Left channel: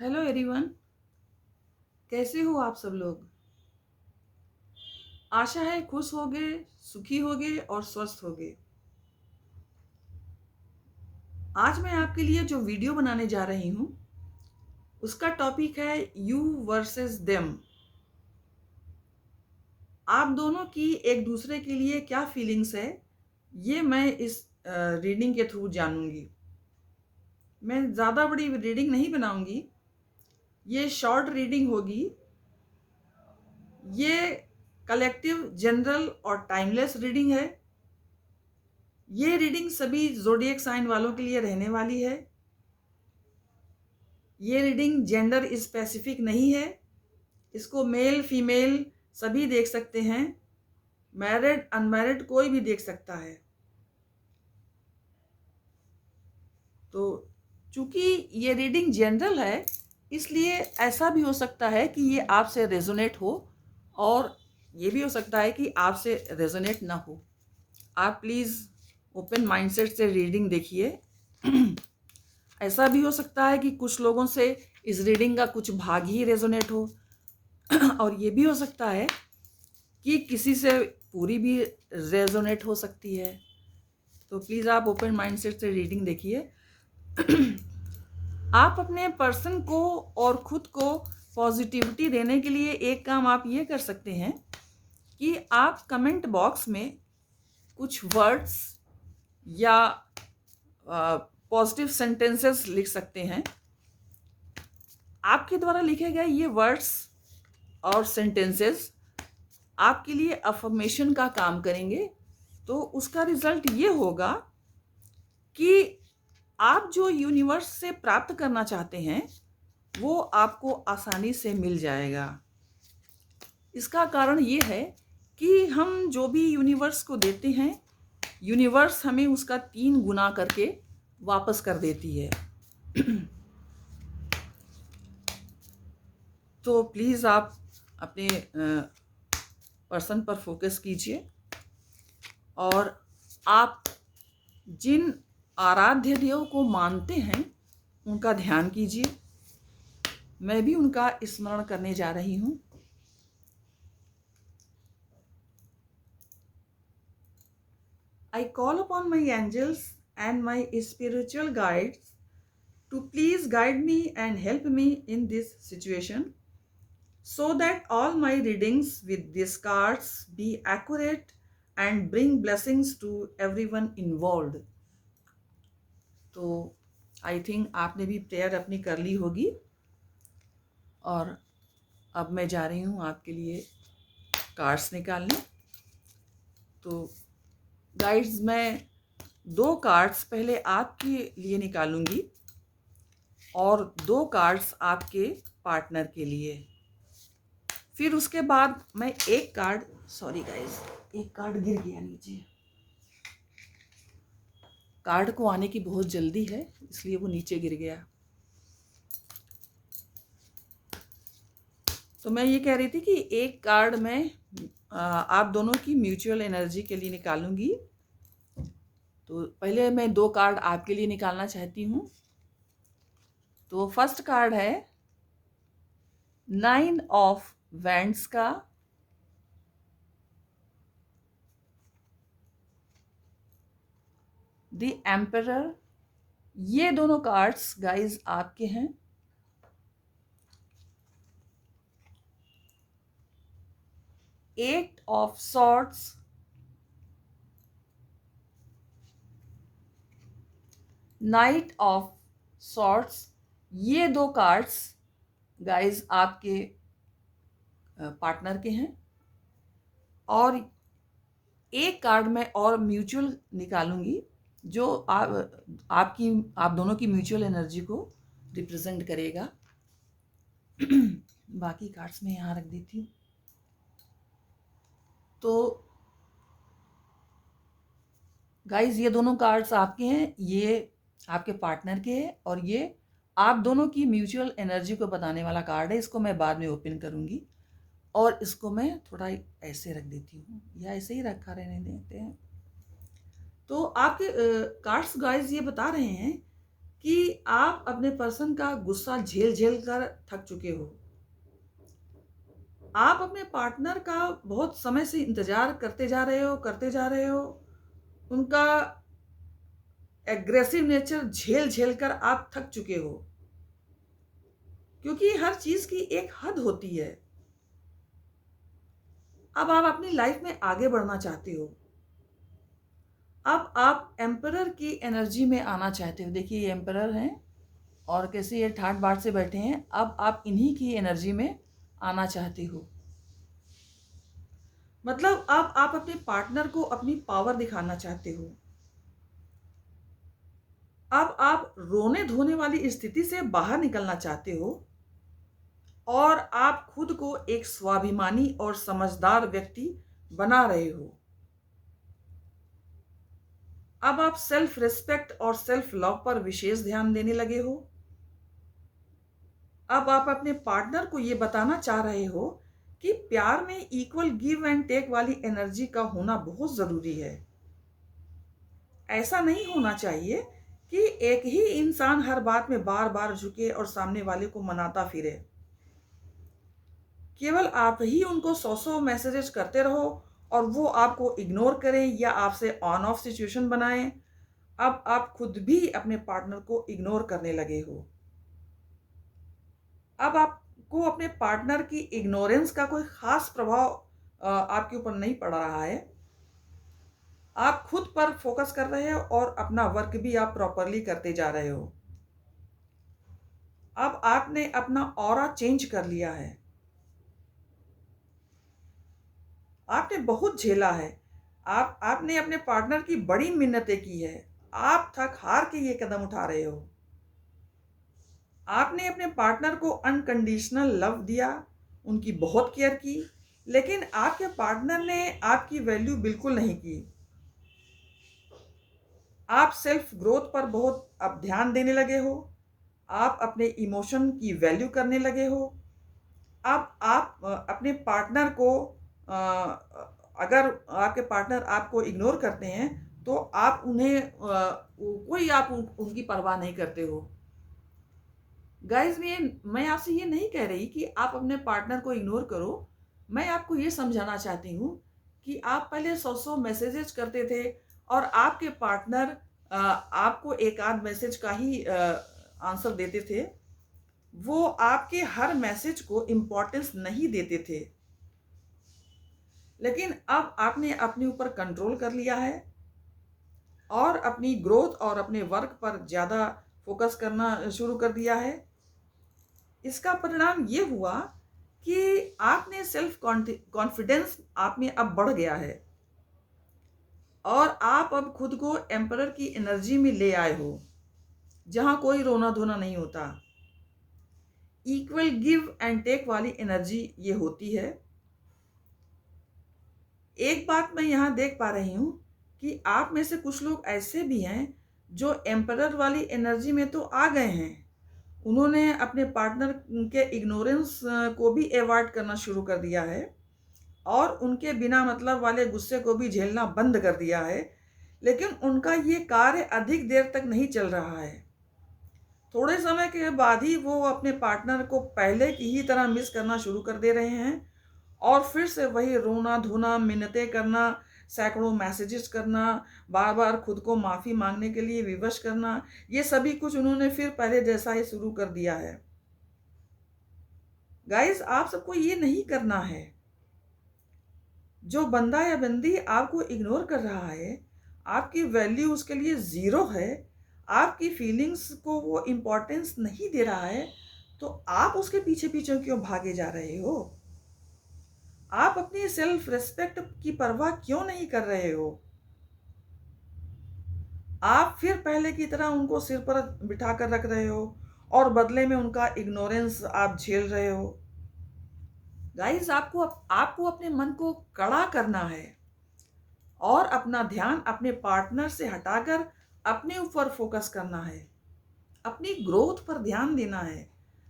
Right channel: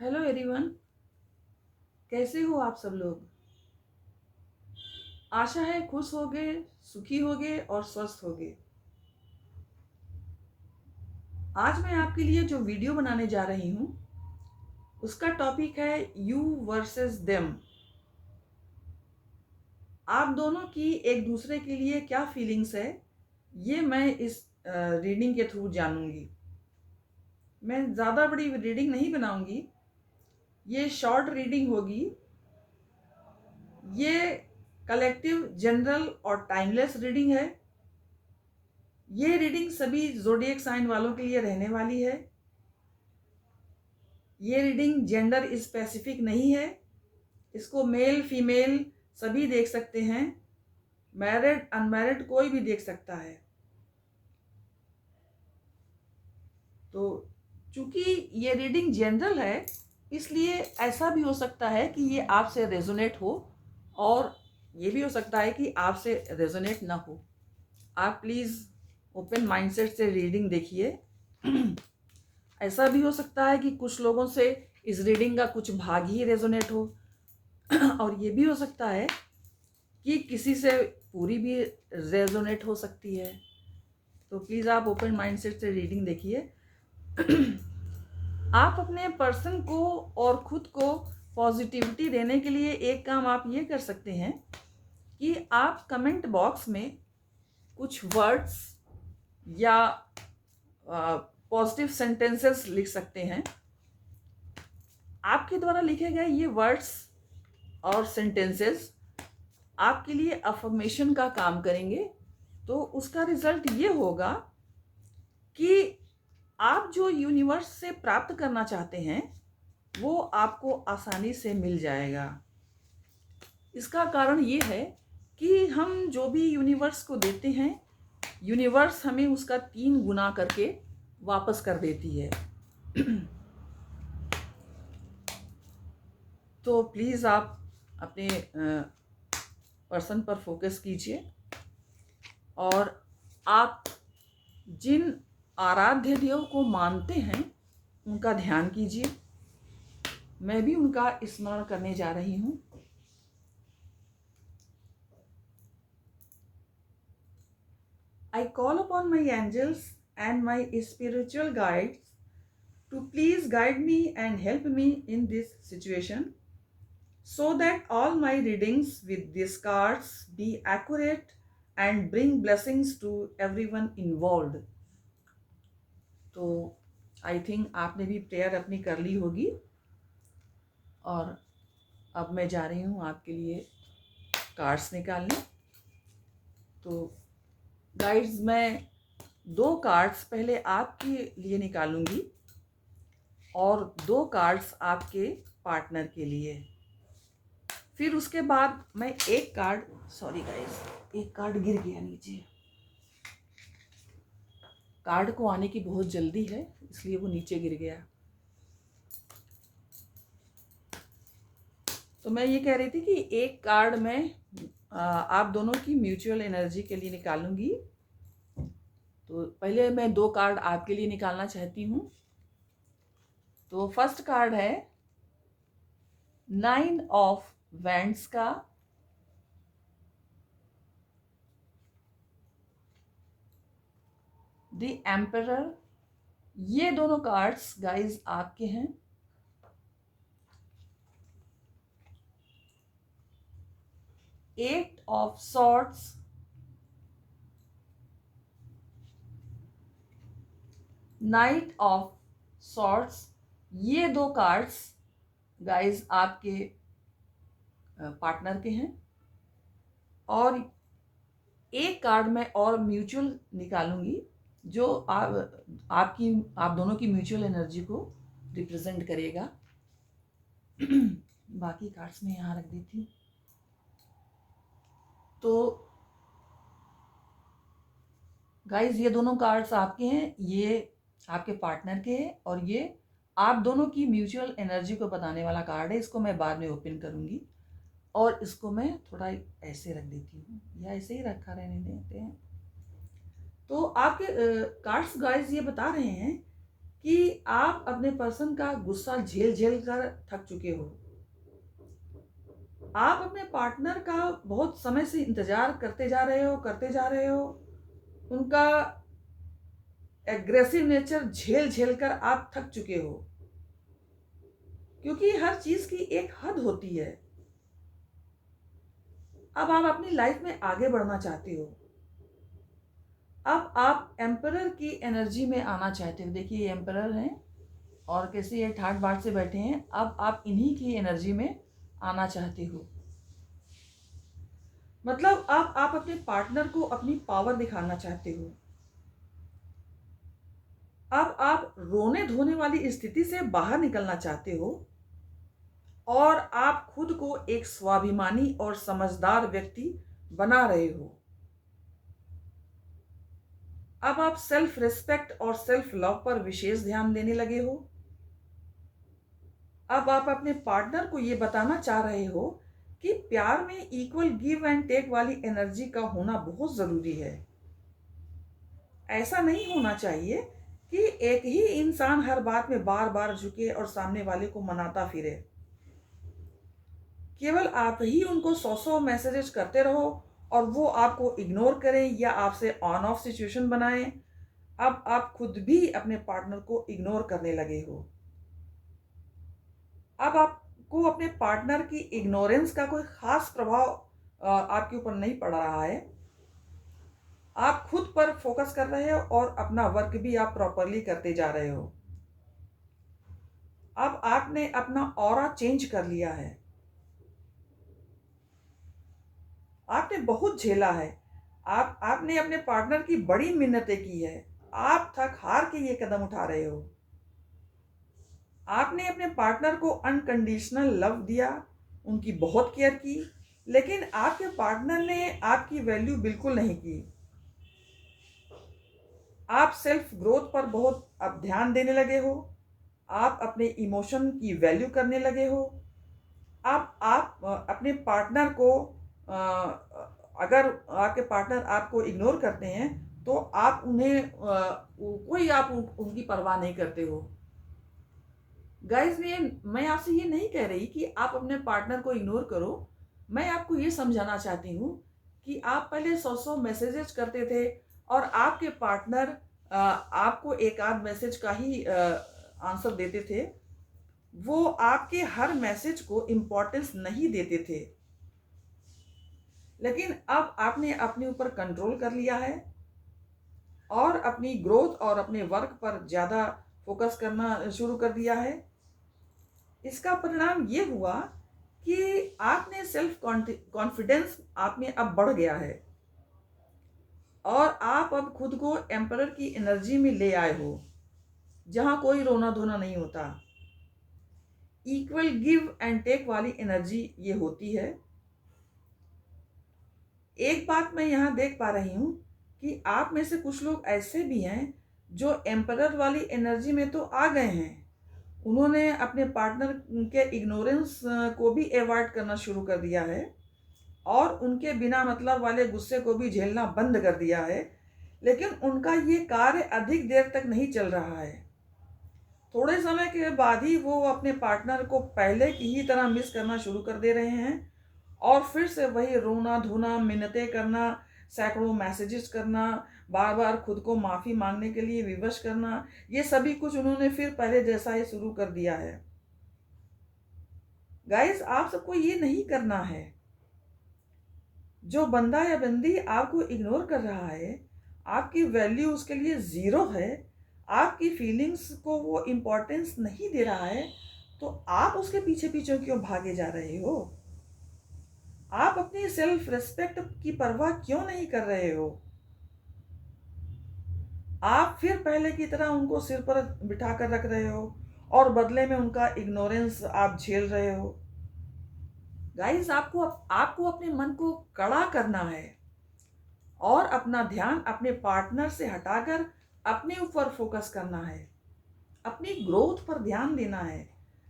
Hello everyone. कैसे हो आप सब लोग। आशा है खुश होगे, सुखी होगे और स्वस्थ होगे। आज मैं आपके लिए जो वीडियो बनाने जा रही हूँ उसका टॉपिक है यू वर्सेस देम। आप दोनों की एक दूसरे के लिए क्या फीलिंग्स है ये मैं इस रीडिंग के थ्रू जानूंगी। मैं ज़्यादा बड़ी रीडिंग नहीं बनाऊंगी, ये शॉर्ट रीडिंग होगी। ये कलेक्टिव, जनरल और टाइमलेस रीडिंग है। ये रीडिंग सभी ज़ोडिएक साइन वालों के लिए रहने वाली है। ये रीडिंग जेंडर स्पेसिफिक नहीं है, इसको मेल फीमेल सभी देख सकते हैं, मैरिड अनमैरिड कोई भी देख सकता है। तो चूंकि ये रीडिंग जनरल है इसलिए ऐसा भी हो सकता है कि ये आपसे रेजोनेट हो और ये भी हो सकता है कि आपसे रेजोनेट ना हो। आप प्लीज़ ओपन माइंडसेट से रीडिंग देखिए। ऐसा भी हो सकता है कि कुछ लोगों से इस रीडिंग का कुछ भाग ही रेजोनेट हो और ये भी हो सकता है कि किसी से पूरी भी रेजोनेट हो सकती है। तो प्लीज़ आप ओपन माइंडसेट से रीडिंग देखिए। आप अपने पर्सन को और खुद को पॉजिटिविटी देने के लिए एक काम आप ये कर सकते हैं कि आप कमेंट बॉक्स में कुछ वर्ड्स या पॉजिटिव सेंटेंसेस लिख सकते हैं। आपके द्वारा लिखे गए ये वर्ड्स और सेंटेंसेस आपके लिए अफर्मेशन का काम करेंगे। तो उसका रिजल्ट ये होगा कि आप जो यूनिवर्स से प्राप्त करना चाहते हैं वो आपको आसानी से मिल जाएगा। इसका कारण ये है कि हम जो भी यूनिवर्स को देते हैं यूनिवर्स हमें उसका 3 गुना करके वापस कर देती है। तो प्लीज़ आप अपने पर्सन पर फोकस कीजिए और आप जिन आराध्य देव को मानते हैं उनका ध्यान कीजिए। मैं भी उनका स्मरण करने जा रही हूँ। I call upon my angels and my spiritual guides to please guide me and help me in this situation so that all my readings with these cards be accurate and bring blessings to everyone involved। तो I think आपने भी prayer अपनी कर ली होगी और अब मैं जा रही हूँ आपके लिए कार्ड्स निकालने। तो गाइड्स, मैं 2 कार्ड्स पहले आपके लिए निकालूंगी और 2 कार्ड्स आपके पार्टनर के लिए। फिर उसके बाद मैं एक कार्ड, सॉरी गाइस, एक कार्ड गिर गया नीचे। कार्ड को आने की बहुत जल्दी है इसलिए वो नीचे गिर गया। तो मैं ये कह रही थी कि एक कार्ड मैं आप दोनों की म्यूचुअल एनर्जी के लिए निकालूंगी। तो पहले मैं 2 कार्ड आपके लिए निकालना चाहती हूँ। तो फर्स्ट कार्ड है 9 ऑफ वैंड्स का, द एम्परर। ये दोनों कार्ड्स गाइस आपके हैं। 8 of swords, night of swords. ये 2 कार्ड्स गाइस आपके पार्टनर के हैं। और एक कार्ड मैं और म्यूचुअल निकालूंगी जो आप दोनों की म्यूचुअल एनर्जी को रिप्रेजेंट करेगा। बाकी कार्ड्स मैं यहाँ रख देती हूँ। तो गाइस ये दोनों कार्ड्स आपके हैं, ये आपके पार्टनर के हैं और ये आप दोनों की म्यूचुअल एनर्जी को बताने वाला कार्ड है। इसको मैं बाद में ओपन करूँगी और इसको मैं थोड़ा ऐसे रख देती हूँ या ऐसे ही रखा रहने देते हैं। तो आपके कार्ड्स गाइस ये बता रहे हैं कि आप अपने पर्सन का गुस्सा झेल झेल कर थक चुके हो। आप अपने पार्टनर का बहुत समय से इंतजार करते जा रहे हो। उनका एग्रेसिव नेचर झेल झेल कर आप थक चुके हो, क्योंकि हर चीज की एक हद होती है। अब आप अपनी लाइफ में आगे बढ़ना चाहते हो। अब आप एम्परर की एनर्जी में आना चाहते हो। देखिए, ये एम्परर हैं और कैसे ये ठाट बाट से बैठे हैं। अब आप इन्हीं की एनर्जी में आना चाहते हो। मतलब अब आप अपने पार्टनर को अपनी पावर दिखाना चाहते हो। अब आप रोने धोने वाली स्थिति से बाहर निकलना चाहते हो और आप खुद को एक स्वाभिमानी और समझदार व्यक्ति बना रहे हो। अब आप सेल्फ रिस्पेक्ट और सेल्फ लव पर विशेष ध्यान देने लगे हो। अब आप अपने पार्टनर को ये बताना चाह रहे हो कि प्यार में इक्वल गिव एंड टेक वाली एनर्जी का होना बहुत जरूरी है। ऐसा नहीं होना चाहिए कि एक ही इंसान हर बात में बार बार झुके और सामने वाले को मनाता फिरे। केवल आप ही उनको सौ सौ मैसेजेस करते रहो और वो आपको इग्नोर करें या आपसे ऑन ऑफ सिचुएशन बनाएं। अब आप खुद भी अपने पार्टनर को इग्नोर करने लगे हो। अब आपको अपने पार्टनर की इग्नोरेंस का कोई खास प्रभाव आपके ऊपर नहीं पड़ रहा है। आप खुद पर फोकस कर रहे हो और अपना वर्क भी आप प्रॉपरली करते जा रहे हो। अब आपने अपना ऑरा चेंज कर लिया है। आपने बहुत झेला है। आपने अपने पार्टनर की बड़ी मिन्नतें की है। आप थक हार के ये कदम उठा रहे हो। आपने अपने पार्टनर को अनकंडीशनल लव दिया, उनकी बहुत केयर की, लेकिन आपके पार्टनर ने आपकी वैल्यू बिल्कुल नहीं की। आप सेल्फ ग्रोथ पर बहुत अब ध्यान देने लगे हो। आप अपने इमोशन की वैल्यू करने लगे हो। अब आप अपने पार्टनर को अगर आपके पार्टनर आपको इग्नोर करते हैं तो आप उन्हें कोई आप उनकी परवाह नहीं करते हो। गाइस, मैं आपसे ये नहीं कह रही कि आप अपने पार्टनर को इग्नोर करो। मैं आपको ये समझाना चाहती हूँ कि आप पहले सौ सौ मैसेजेस करते थे और आपके पार्टनर आपको एक आध मैसेज का ही आंसर देते थे। वो आपके हर मैसेज को इम्पोर्टेंस नहीं देते थे। लेकिन अब आपने अपने ऊपर कंट्रोल कर लिया है और अपनी ग्रोथ और अपने वर्क पर ज़्यादा फोकस करना शुरू कर दिया है। इसका परिणाम ये हुआ कि आपने सेल्फ कॉन्फिडेंस आप में अब बढ़ गया है और आप अब खुद को एम्परर की एनर्जी में ले आए हो, जहां कोई रोना धोना नहीं होता। इक्वल गिव एंड टेक वाली एनर्जी ये होती है। एक बात मैं यहाँ देख पा रही हूँ कि आप में से कुछ लोग ऐसे भी हैं जो एम्परर वाली एनर्जी में तो आ गए हैं। उन्होंने अपने पार्टनर के इग्नोरेंस को भी अवॉइड करना शुरू कर दिया है और उनके बिना मतलब वाले गुस्से को भी झेलना बंद कर दिया है। लेकिन उनका ये कार्य अधिक देर तक नहीं चल रहा है। थोड़े समय के बाद ही वो अपने पार्टनर को पहले की ही तरह मिस करना शुरू कर दे रहे हैं और फिर से वही रोना धोना, मिन्नतें करना, सैकड़ों मैसेजेस करना, बार बार खुद को माफ़ी मांगने के लिए विवश करना, ये सभी कुछ उन्होंने फिर पहले जैसा ही शुरू कर दिया है। गाइस, आप सबको ये नहीं करना है। जो बंदा या बंदी आपको इग्नोर कर रहा है, आपकी वैल्यू उसके लिए ज़ीरो है, आपकी फीलिंग्स को वो इम्पोर्टेंस नहीं दे रहा है, तो आप उसके पीछे पीछे क्यों भागे जा रहे हो? आप अपनी सेल्फ रिस्पेक्ट की परवाह क्यों नहीं कर रहे हो? आप फिर पहले की तरह उनको सिर पर बिठा कर रख रहे हो और बदले में उनका इग्नोरेंस आप झेल रहे हो। गाइस, आपको आपको अपने मन को कड़ा करना है और अपना ध्यान अपने पार्टनर से हटाकर अपने ऊपर फोकस करना है। अपनी ग्रोथ पर ध्यान देना है,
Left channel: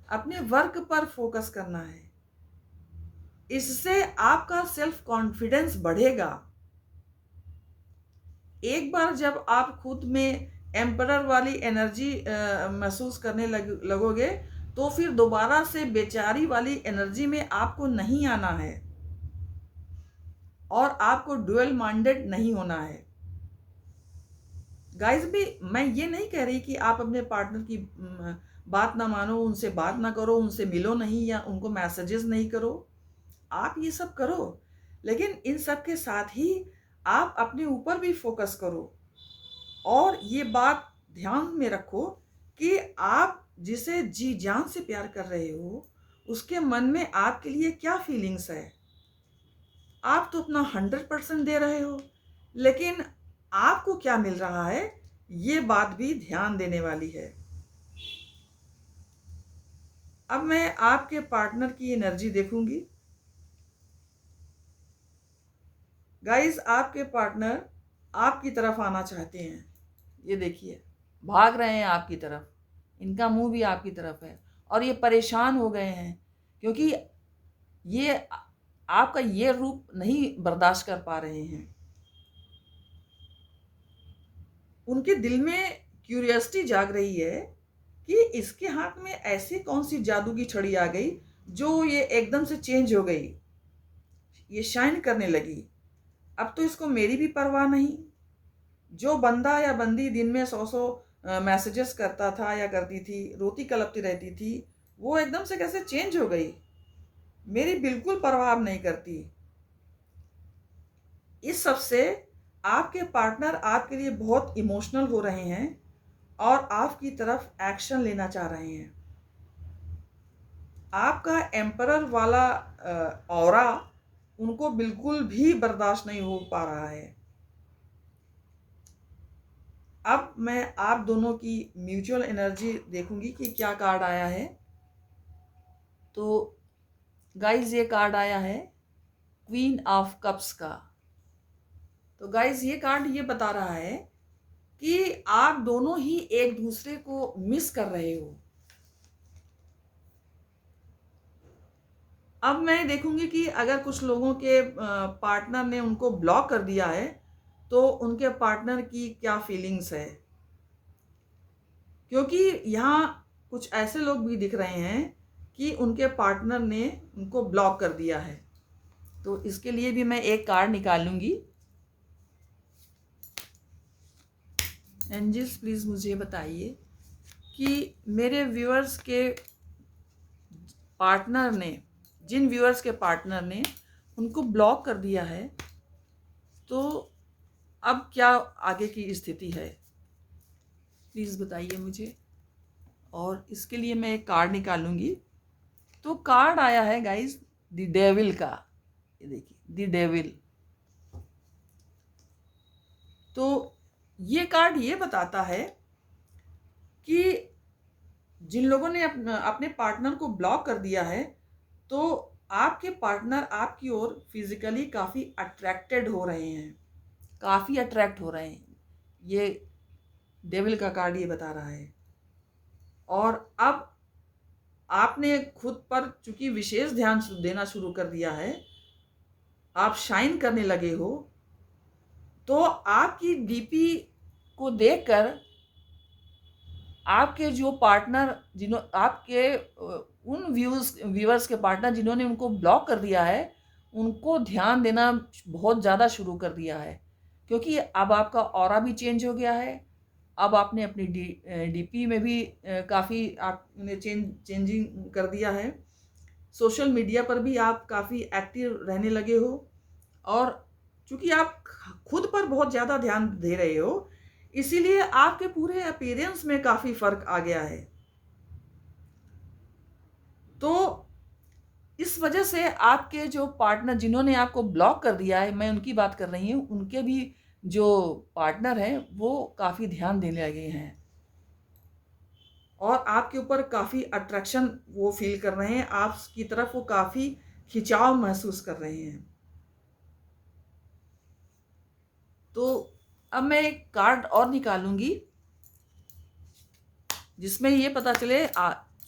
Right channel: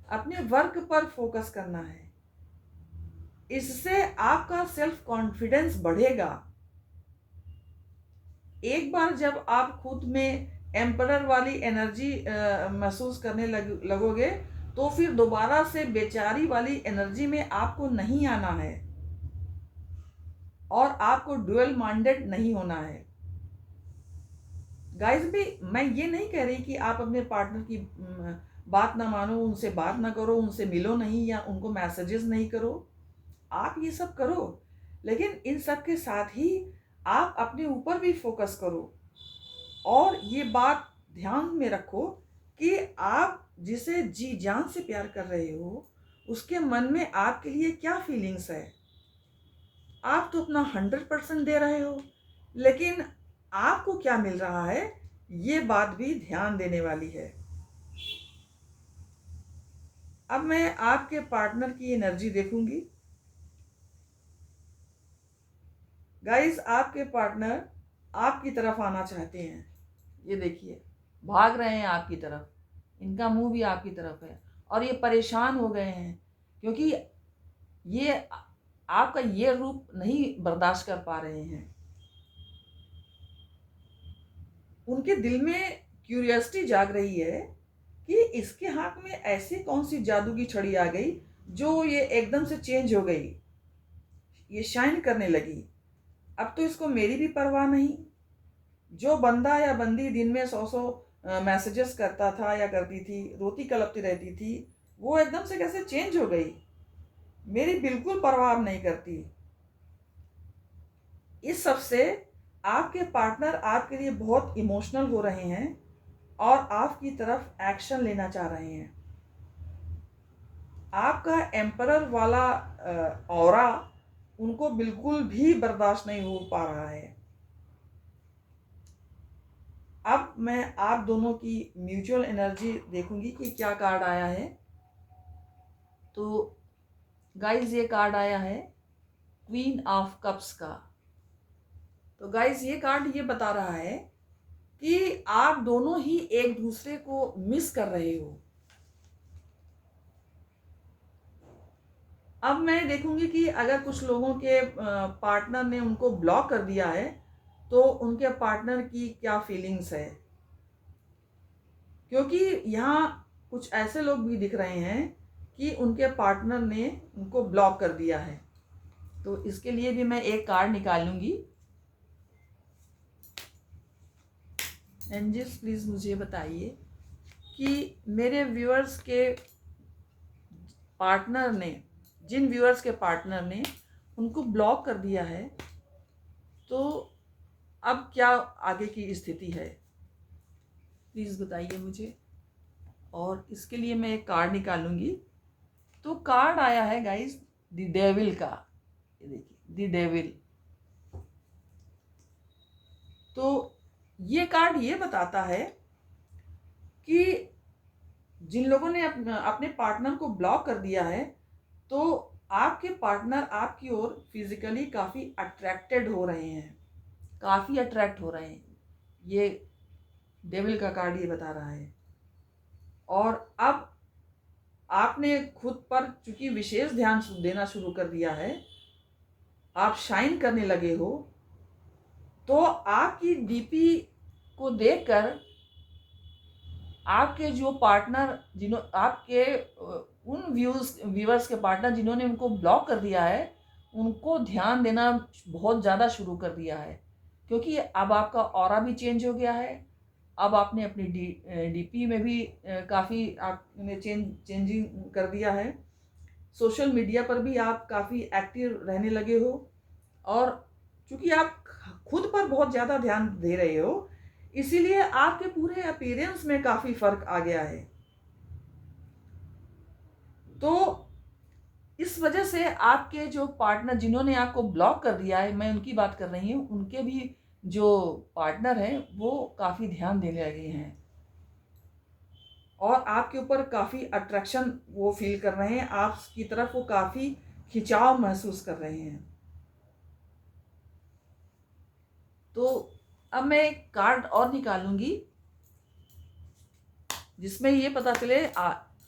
अपने वर्क पर फोकस करना है। इससे आपका सेल्फ कॉन्फिडेंस बढ़ेगा। एक बार जब आप खुद में एम्परर वाली एनर्जी महसूस करने लगोगे, तो फिर दोबारा से बेचारी वाली एनर्जी में आपको नहीं आना है और आपको डुअल माइंडेड नहीं होना है। गाइस भी मैं ये नहीं कह रही कि आप अपने पार्टनर की बात ना मानो, उनसे बात ना करो, उनसे मिलो नहीं या उनको मैसेजेस नहीं करो। आप ये सब करो, लेकिन इन सब के साथ ही आप अपने ऊपर भी फोकस करो और ये बात ध्यान में रखो कि आप जिसे जी जान से प्यार कर रहे हो उसके मन में आपके लिए क्या फीलिंग्स है। आप तो अपना 100% दे रहे हो, लेकिन आपको क्या मिल रहा है, ये बात भी ध्यान देने वाली है। अब मैं आपके पार्टनर की एनर्जी देखूंगी। गाइस, आपके पार्टनर आपकी तरफ आना चाहते हैं। ये देखिए, भाग रहे हैं आपकी तरफ, इनका मुंह भी आपकी तरफ है और ये परेशान हो गए हैं क्योंकि ये आपका ये रूप नहीं बर्दाश्त कर पा रहे हैं। उनके दिल में क्यूरियोसिटी जाग रही है कि इसके हाथ में ऐसी कौन सी जादू की छड़ी आ गई जो ये एकदम से चेंज हो गई, ये शाइन करने लगी। अब तो इसको मेरी भी परवाह नहीं। जो बंदा या बंदी दिन में 100 मैसेजेस करता था या करती थी, रोती कलपती रहती थी, वो एकदम से कैसे चेंज हो गई, मेरी बिल्कुल परवाह नहीं करती। इस सब से आपके पार्टनर आपके लिए बहुत इमोशनल हो रहे हैं और आपकी तरफ एक्शन लेना चाह रहे हैं। आपका एम्परर वाला ऑरा उनको बिल्कुल भी बर्दाश्त नहीं हो पा रहा है। अब मैं आप दोनों की म्यूचुअल एनर्जी देखूंगी कि क्या कार्ड आया है। तो गाइज, ये कार्ड आया है क्वीन ऑफ कप्स का। तो गाइज, ये कार्ड ये बता रहा है कि आप दोनों ही एक दूसरे को मिस कर रहे हो। अब मैं देखूंगी कि अगर कुछ लोगों के पार्टनर ने उनको ब्लॉक कर दिया है तो उनके पार्टनर की क्या फीलिंग्स है, क्योंकि यहाँ कुछ ऐसे लोग भी दिख रहे हैं कि उनके पार्टनर ने उनको ब्लॉक कर दिया है। तो इसके लिए भी मैं एक कार्ड निकालूंगी। एंजल्स, प्लीज मुझे बताइए कि मेरे व्यूअर्स के पार्टनर ने, जिन व्यूअर्स के पार्टनर ने उनको ब्लॉक कर दिया है, तो अब क्या आगे की स्थिति है, प्लीज़ बताइए मुझे। और इसके लिए मैं एक कार्ड निकालूंगी। तो कार्ड आया है गाइस द डेविल का। ये देखिए, द डेविल। तो ये कार्ड ये बताता है कि जिन लोगों ने अपने पार्टनर को ब्लॉक कर दिया है, तो आपके पार्टनर आपकी ओर फिजिकली काफ़ी अट्रैक्टेड हो रहे हैं, काफ़ी अट्रैक्ट हो रहे हैं। ये डेविल का कार्ड ये बता रहा है। और अब आपने खुद पर चूंकि विशेष ध्यान देना शुरू कर दिया है, आप शाइन करने लगे हो, तो आपकी डीपी को देखकर आपके जो पार्टनर, आपके उन व्यूअर्स के पार्टनर जिन्होंने उनको ब्लॉक कर दिया है, उनको ध्यान देना बहुत ज़्यादा शुरू कर दिया है, क्योंकि अब आपका ऑरा भी चेंज हो गया है। अब आपने अपनी डीपी में भी काफ़ी आपने चेंजिंग कर दिया है। सोशल मीडिया पर भी आप काफ़ी एक्टिव रहने लगे हो, और चूंकि आप खुद पर बहुत ज़्यादा ध्यान दे रहे हो, इसीलिए आपके पूरे अपीयरेंस में काफ़ी फर्क आ गया है। तो इस वजह से आपके जो पार्टनर जिन्होंने आपको ब्लॉक कर दिया है, मैं उनकी बात कर रही हूँ, उनके भी जो पार्टनर हैं वो काफ़ी ध्यान देने लगे हैं और आपके ऊपर काफ़ी अट्रैक्शन वो फील कर रहे हैं, आपकी तरफ वो काफ़ी खिंचाव महसूस कर रहे हैं। तो अब मैं एक कार्ड और निकालूंगी जिसमें ये पता चले,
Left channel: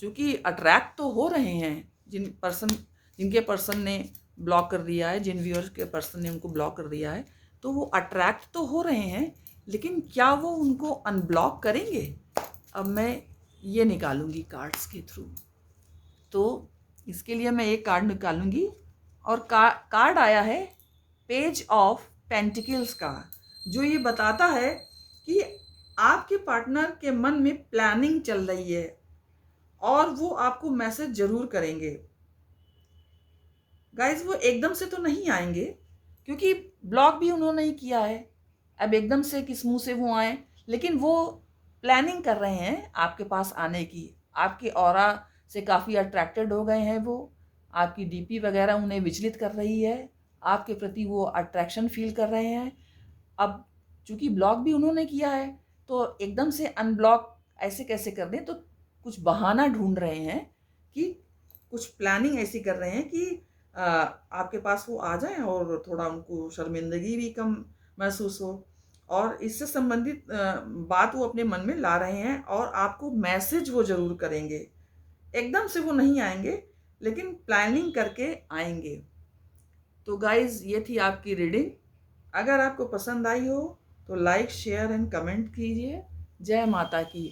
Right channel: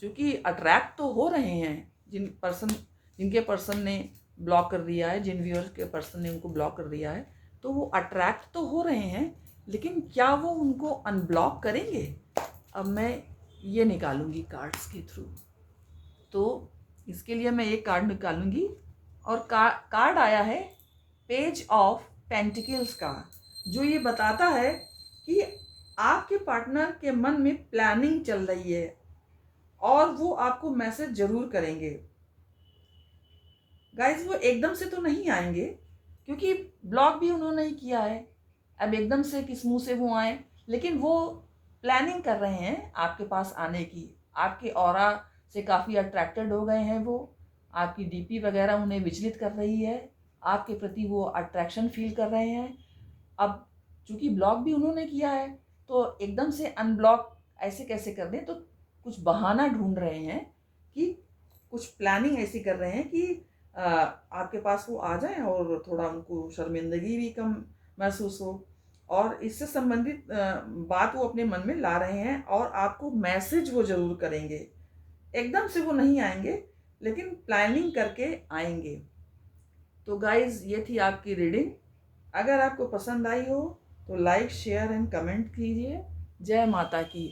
चूंकि अट्रैक्ट तो हो रहे हैं जिनके पर्सन ने ब्लॉक कर दिया है, जिन व्यूअर्स के पर्सन ने उनको ब्लॉक कर दिया है, तो वो अट्रैक्ट तो हो रहे हैं, लेकिन क्या वो उनको अनब्लॉक करेंगे? अब मैं ये निकालूंगी कार्ड्स के थ्रू। तो इसके लिए मैं एक कार्ड निकालूंगी और कार्ड आया है पेज ऑफ पेंटिकल्स का, जो ये बताता है कि आपके पार्टनर के मन में प्लानिंग चल रही है और वो आपको मैसेज जरूर करेंगे। गाइज वो एकदम से तो नहीं आएंगे, क्योंकि ब्लॉक भी उन्होंने ही किया है। अब एकदम से किस मुंह से वो आए, लेकिन वो प्लानिंग कर रहे हैं आपके पास आने की। आपके ऑरा से काफ़ी अट्रैक्टेड हो गए हैं वो, आपकी डीपी वगैरह उन्हें विचलित कर रही है, आपके प्रति वो अट्रैक्शन फील कर रहे हैं। अब चूंकि ब्लॉक भी उन्होंने किया है, तो एकदम से अनब्लॉक ऐसे कैसे कर दें? तो कुछ बहाना ढूंढ रहे हैं कि कुछ प्लानिंग ऐसी कर रहे हैं कि आपके पास वो आ जाए और थोड़ा उनको शर्मिंदगी भी कम महसूस हो, और इससे संबंधित बात वो अपने मन में ला रहे हैं और आपको मैसेज वो जरूर करेंगे। एकदम से वो नहीं आएंगे, लेकिन प्लानिंग करके आएंगे। तो गाइज ये थी आपकी रीडिंग। अगर आपको पसंद आई हो तो लाइक शेयर एंड कमेंट कीजिए। जय माता की।